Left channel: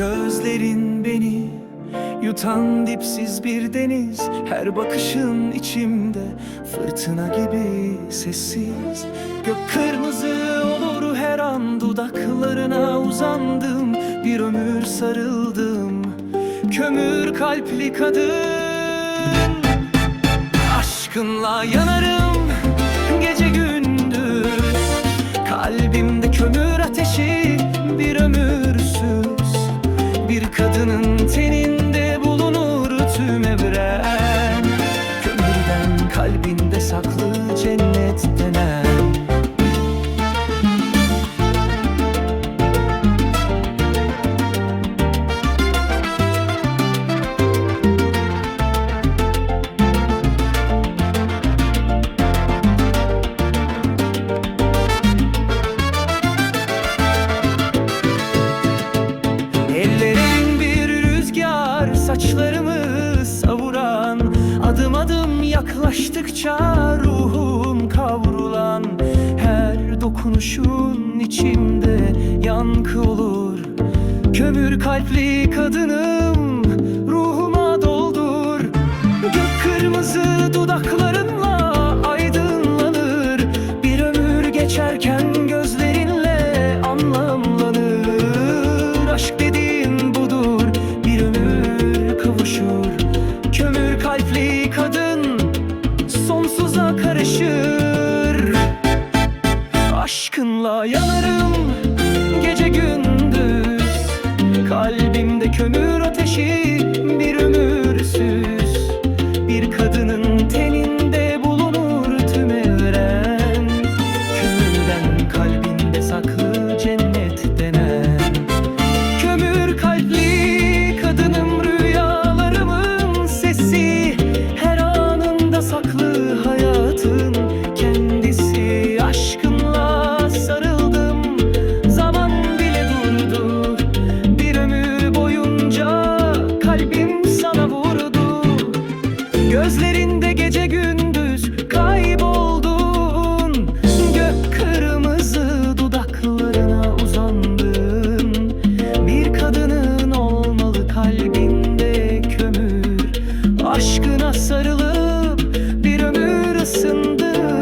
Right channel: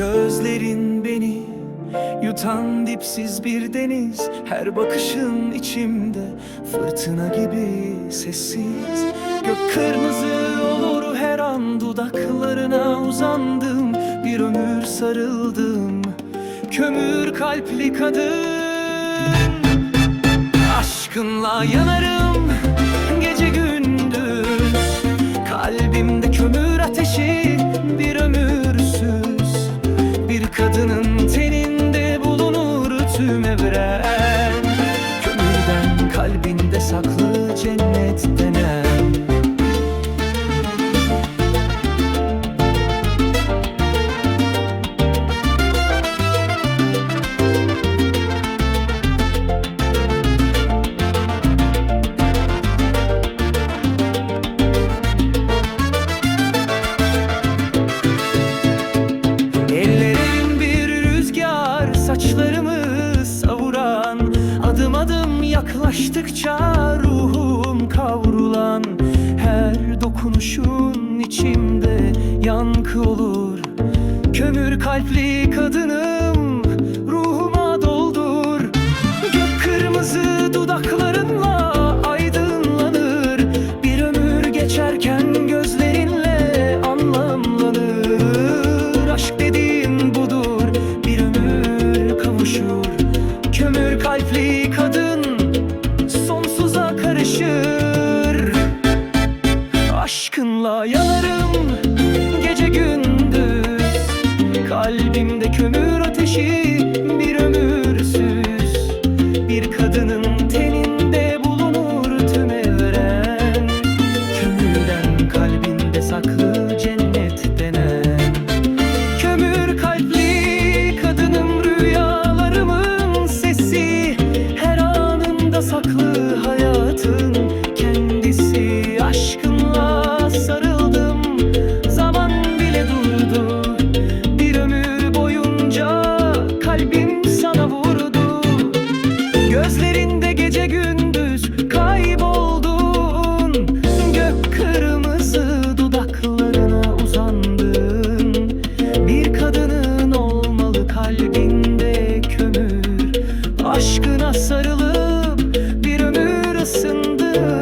Gözlerin beni yutan dipsiz bir deniz Her bakışın içimde fırtına gibi sessiz. Gök kırmızı olur her an dudaklarına uzandım Bir ömür sarıldım. Kömür kalpli kadın Aşkınla yanarım gece gündüz. Kalbimde kömür ateşi bir Bir kadının teninde bulunur tüm evren. Kömürden kalbinde saklı cennet denen saçlarımı savuran Adım adım yaklaştıkça ruhum kavrulan. Her dokunuşun içimde yankı olur. Kömür kalpli kadınım ruhuma doldur. Gök kırmızı dudaklarınla aydınlanır. Bir ömür geçerken gözlerinle kavuşur Kömür kalpli kadın sonsuza karışır. Aşkınla yanarım gece gündüz. Kalbimde kömür ateşi bir ömürsüz. Bir kadının teninde bulunur tüm evren. Kömürden kalbinde saklı cennet denen hayatın kendisi. Aşkınla sarıldım zaman bile durdu. Bir ömür boyunca kalbim sana vurdu. Gözlerinde gece gündüz kayboldun. Gök kırmızı dudaklarına uzandın. Bir kadının olmalı kalbinde kömür Aşkına sarılıp bir ömür ısındın